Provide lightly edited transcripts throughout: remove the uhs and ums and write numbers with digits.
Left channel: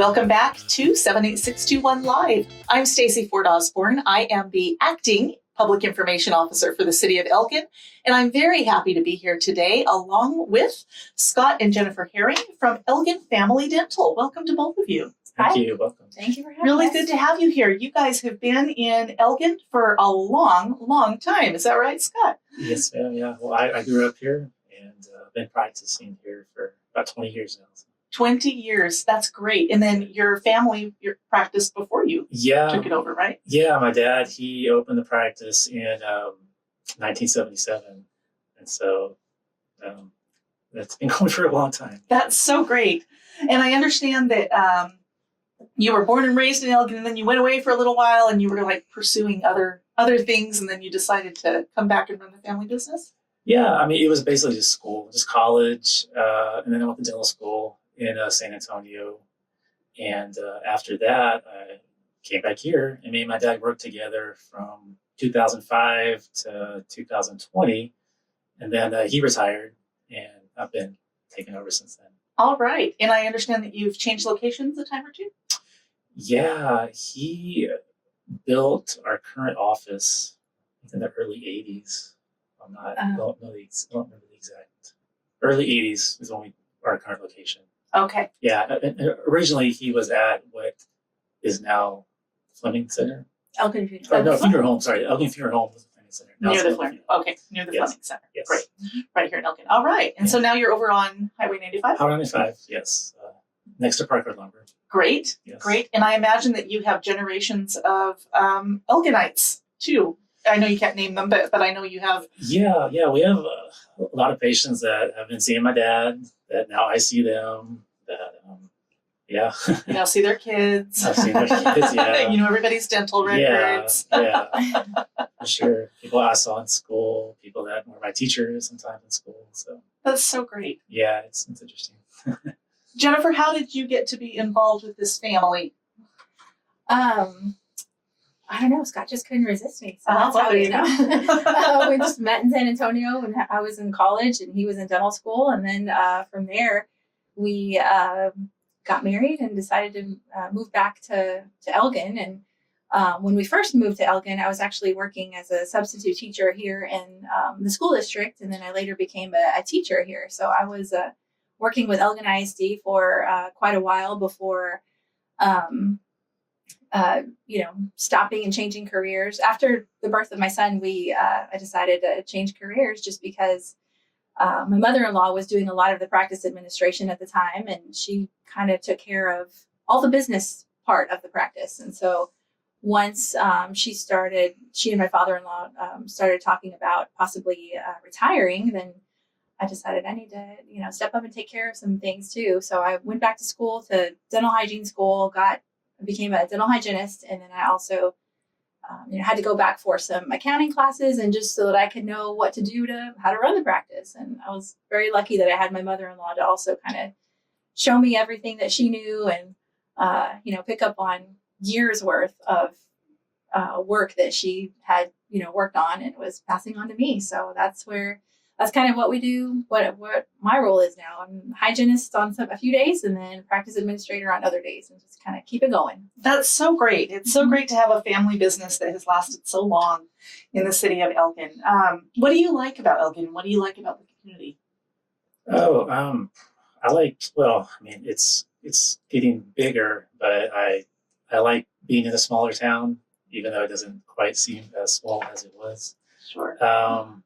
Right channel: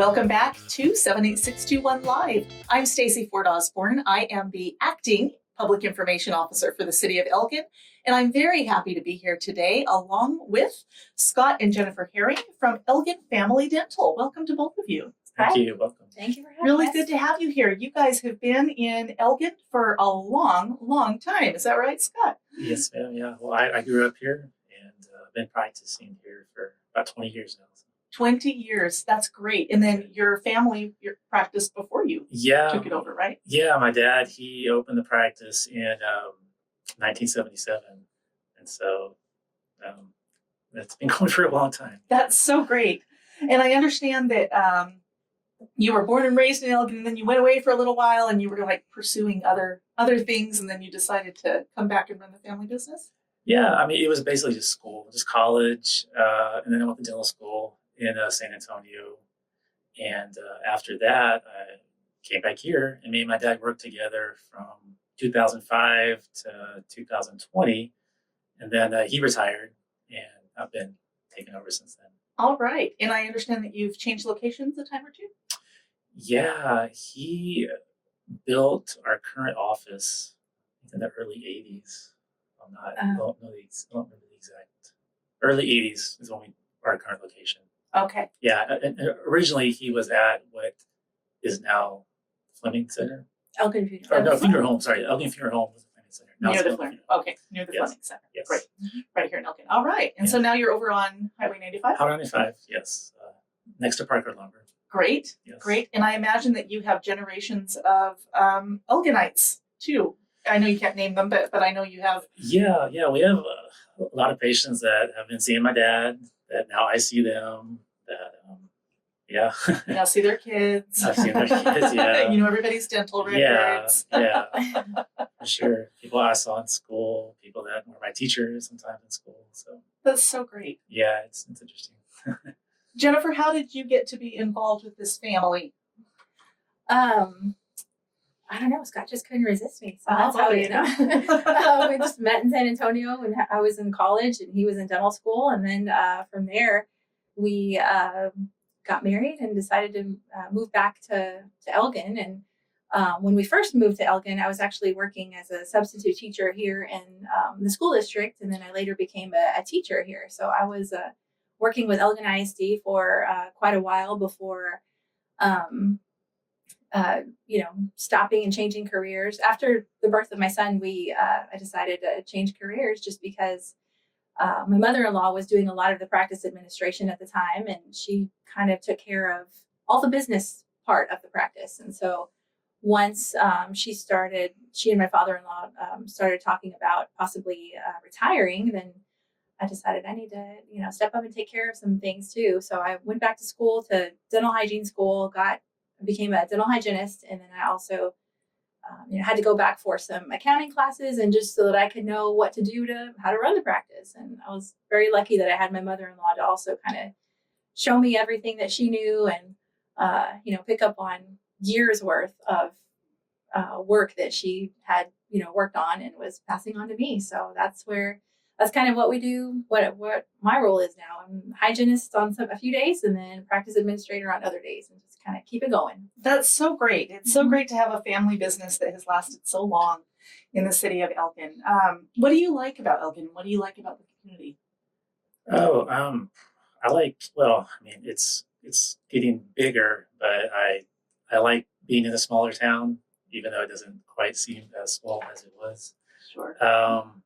Welcome back to 78621 Live. I'm Stacey Ford Osborne. I am the acting Public Information Officer for the City of Elgin, and I'm very happy to be here today along with Scott and Jennifer Herring from Elgin Family Dental. Welcome to both of you. Thank you. Welcome. Thank you for having Really us. good to have you here. You guys have been in Elgin for a long time. Is that right, Scott? Yes, ma'am. Yeah. Well, I grew up here and been practicing here for about 20 years now. 20 years. That's great. And then your family, your practice before you took it over, right? Yeah. My dad, he opened the practice in 1977. And so that's been going for a long time. That's so great. And I understand that you were born and raised in Elgin, and then you went away for a little while and you were like pursuing other things, and then you decided to come back and run the family business? Yeah. I mean, it was basically just school, just college. And then I went to dental school in San Antonio. And after that, I came back here. And me and my dad worked together from 2005 to 2020. And then he retired, and I've been taking over since then. All right. And I understand that you've changed locations a time or two? Yeah, he built our current office in the early 80s. I don't remember the exact. Early 80s is when our current location. Okay. Yeah, and originally he was at what is now Fleming Center. Elgin Funeral. No, Funeral Home. Sorry, Elgin Funeral Home was the Fleming Center. Now Near it's the Fleming. Okay, near the Yes. Fleming Center. Yes. Great. Right here in Elgin. All right. And so now you're over on Highway 95? Highway 95, yes. Next to Parker Lumber. Great. Yes. Great. And I imagine that you have generations of Elginites too. I know you can't name them, but I know you have. Yeah, we have a lot of patients that have been seeing my dad, that now I see them, that, yeah. You know, see their kids. I've seen their kids, yeah. You know everybody's dental records. Yeah, for sure. People I saw in school, people that were my teachers sometimes in school. So That's so great. yeah, it's interesting. Jennifer, how did you get to be involved with this family? I don't know. Scott just couldn't resist me. So that's how you know. We just met in San Antonio when I was in college and he was in dental school. And then from there, we got married and decided to move back to Elgin. And when we first moved to Elgin, I was actually working as a substitute teacher here in the school district. And then I later became a teacher here. So I was working with Elgin ISD for quite a while before stopping and changing careers. After the birth of my son, I decided to change careers just because my mother-in-law was doing a lot of the practice administration at the time, and she kind of took care of all the business part of the practice. And so once she and my father-in-law started talking about possibly retiring, then I decided I need to, step up and take care of some things too. So I went back to school, to dental hygiene school, became a dental hygienist, and then I also, had to go back for some accounting classes, and just so that I could know what to do how to run the practice. And I was very lucky that I had my mother-in-law to also kind of show me everything that she knew, and pick up on years worth of work that she had worked on and was passing on to me. So that's kind of what we do. What my role is now. I'm hygienist on a few days, and then practice administrator on other days, and just kind of keep it going. That's so great. It's so great to have a family business that has lasted so long in the city of Elgin. What do you like about Elgin? What do you like about the community? It's getting bigger, but I like being in a smaller town, even though it doesn't quite seem as small as it was. Sure.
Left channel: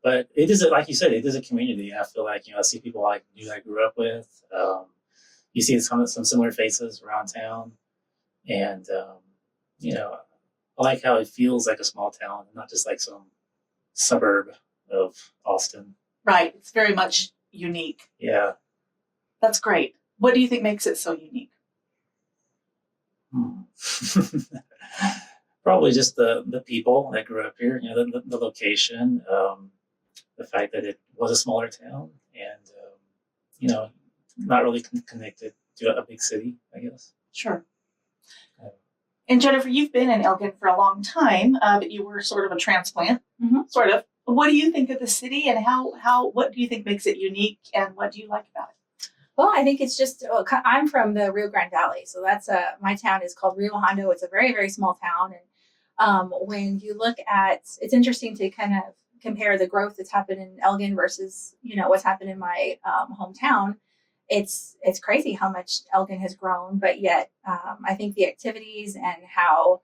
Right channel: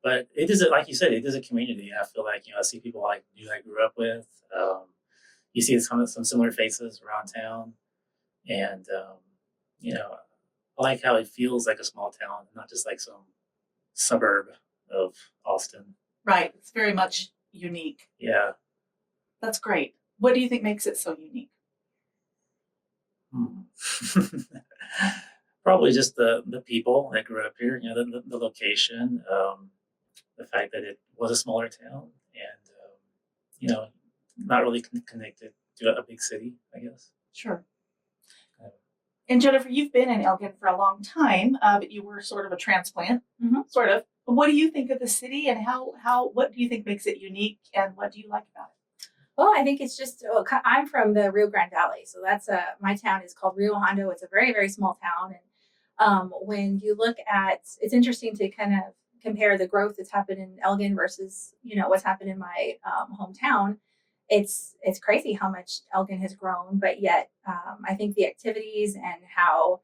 But it is, like you said, it is a community. I feel like, I see people I grew up with. You see some similar faces around town. And, I like how it feels like a small town, not just like some suburb of Austin. Right. It's very much unique. Yeah. That's great. What do you think makes it so unique? Probably just the people that grew up here, the location, the fact that it was a smaller town, and, not really connected to a big city, I guess. Sure. And Jennifer, you've been in Elgin for a long time, but you were sort of a transplant, sort of. What do you think of the city, and what do you think makes it unique, and what do you like about it? Well, I think it's just, I'm from the Rio Grande Valley. So that's my town is called Rio Hondo. It's a very, very small town. And when you look at, it's interesting to kind of compare the growth that's happened in Elgin versus, what's happened in my hometown. It's crazy how much Elgin has grown, but yet I think the activities and how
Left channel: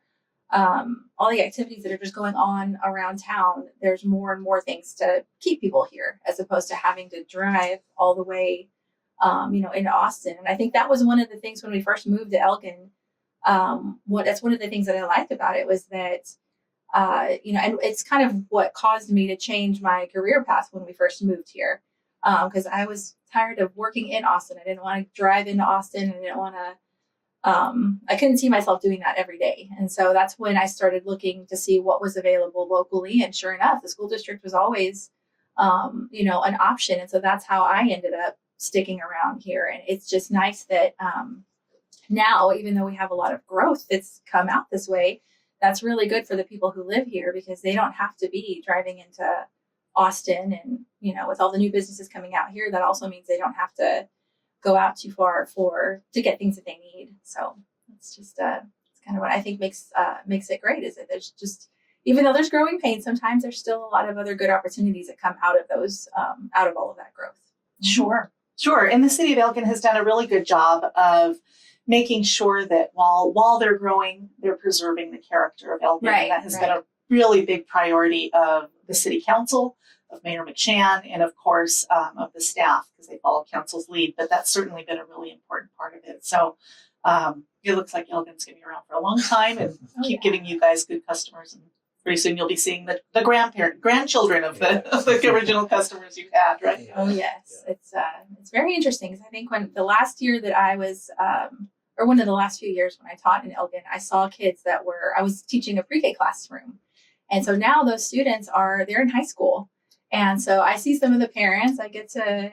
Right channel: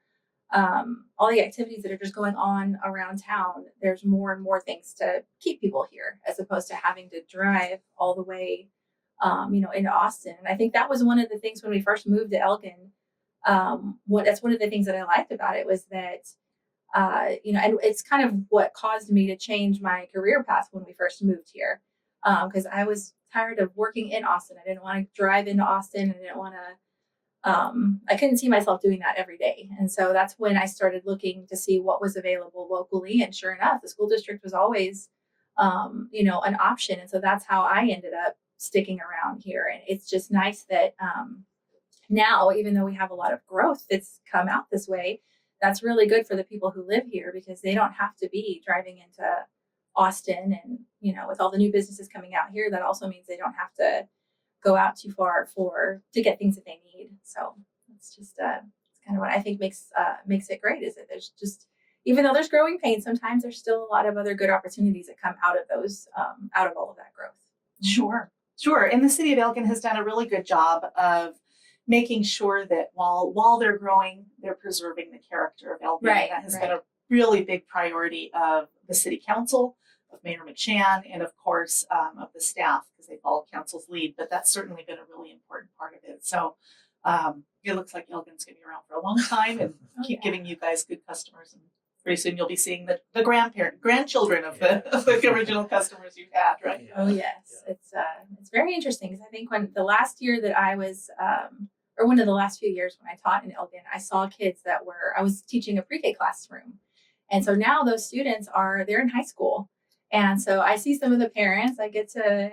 all the activities that are just going on around town, there's more and more things to keep people here as opposed to having to drive all the way, into Austin. And I think that was one of the things when we first moved to Elgin. That's one of the things that I liked about it was that, and it's kind of what caused me to change my career path when we first moved here. Because I was tired of working in Austin. I didn't want to drive into Austin. I didn't want to, I couldn't see myself doing that every day. And so that's when I started looking to see what was available locally. And sure enough, the school district was always, an option. And so that's how I ended up sticking around here. And it's just nice that now, even though we have a lot of growth that's come out this way, that's really good for the people who live here because they don't have to be driving into Austin. And, with all the new businesses coming out here, that also means they don't have to go out too far to get things that they need. So it's just it's kind of what I think makes it great is that there's just, even though there's growing pains, sometimes there's still a lot of other good opportunities that come out of those out of all of that growth. Sure. And the city of Elgin has done a really good job of making sure that while they're growing, they're preserving the character of Elgin. Right, And that has been a really big priority of the city council, of Mayor McShan, and of course of the staff because they follow council's lead. But that's certainly been a really important part of it. So it looks like Elgin's going to be around for a long time and keep giving you guys good customers. And pretty soon you'll be seeing the grandchildren of the original customers you've had, right? Oh yes, it's very interesting because I think when the last year that I was, or one of the last few years when I taught in Elgin, I saw kids I was teaching a pre-K classroom, and so now those students they're in high school, and so I see some of the parents. I get to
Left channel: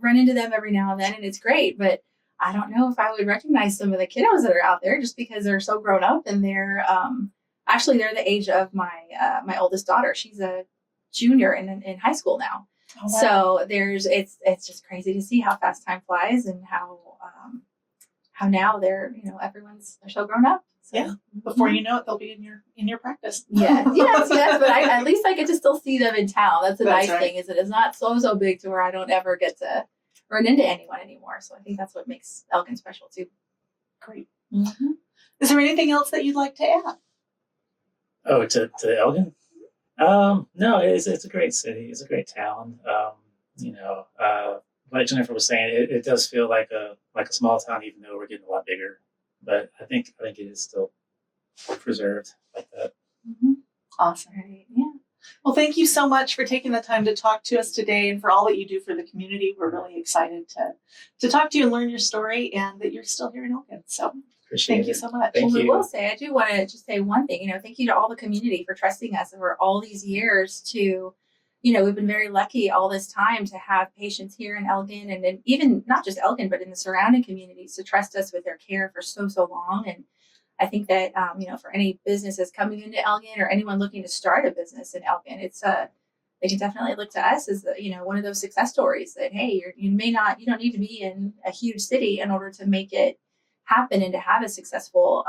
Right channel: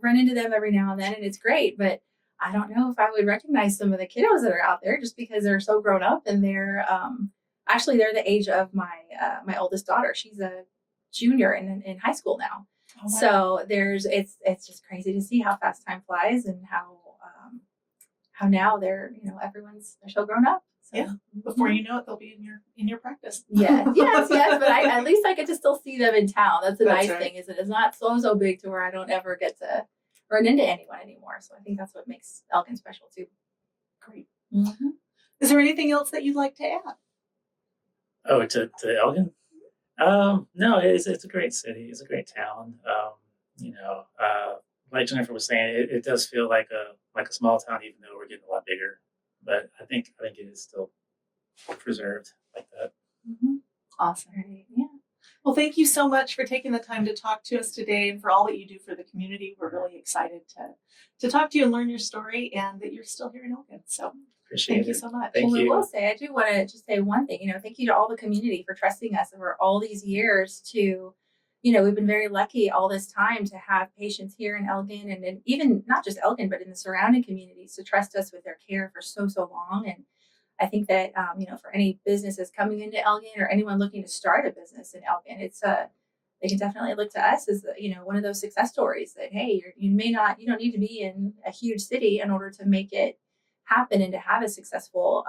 run into them every now and then, and it's great, but I don't know if I would recognize some of the kiddos that are out there just because they're so grown up and they're actually they're the age of my oldest daughter. She's a junior in high school now. Oh, wow. So it's just crazy to see how fast time flies and how now they're they're so grown up. So, yeah. Before you know it, they'll be in your practice. Yeah. Yes. But at least I get to still see them in town. That's the nice thing is that it's not so big to where I don't ever get to run into anyone anymore. So I think that's what makes Elgin special too. Great. Mm-hmm. Is there anything else that you'd like to add? Oh, to Elgin? No, it's a great city. It's a great town. Like Jennifer was saying, it does feel like a small town, even though we're getting a lot bigger. But I think it is still preserved like that. Mm-hmm. Awesome. Right. Yeah. Well, thank you so much for taking the time to talk to us today and for all that you do for the community. We're really excited to talk to you and learn your story and that you're still here in Elgin. So thank you so much. Thank you. I will say, I do want to just say one thing, thank you to all the community for trusting us over all these years to, we've been very lucky all this time to have patients here in Elgin and even not just Elgin, but in the surrounding communities to trust us with their care for so long. And I think that, for any businesses coming into Elgin or anyone looking to start a business in Elgin, they can definitely look to us as, one of those success stories that, hey, you don't need to be in a huge city in order to make it happen and to have a successful,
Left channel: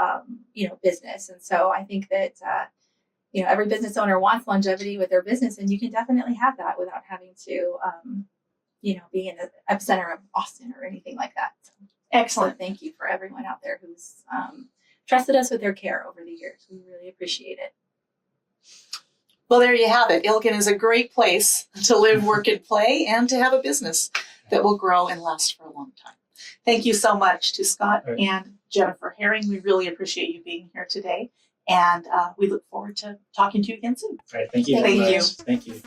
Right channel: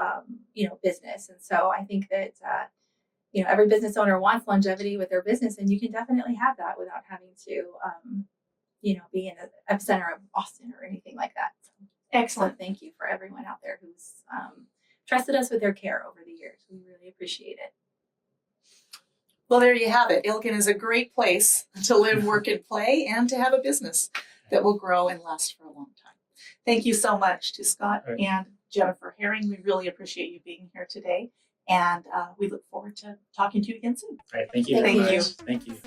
business. And so I think that, every business owner wants longevity with their business, and you can definitely have that without having to, be in the epicenter of Austin or anything like that. So, excellent. So thank you for everyone out there who's trusted us with their care over the years. We really appreciate it. Well, there you have it. Elgin is a great place to live, work, and play, and to have a business that will grow and last for a long time. Thank you so much to Scott and Jennifer Herring. We really appreciate you being here today, and we look forward to talking to you again soon. All right, thank you. Thank you. Thank you.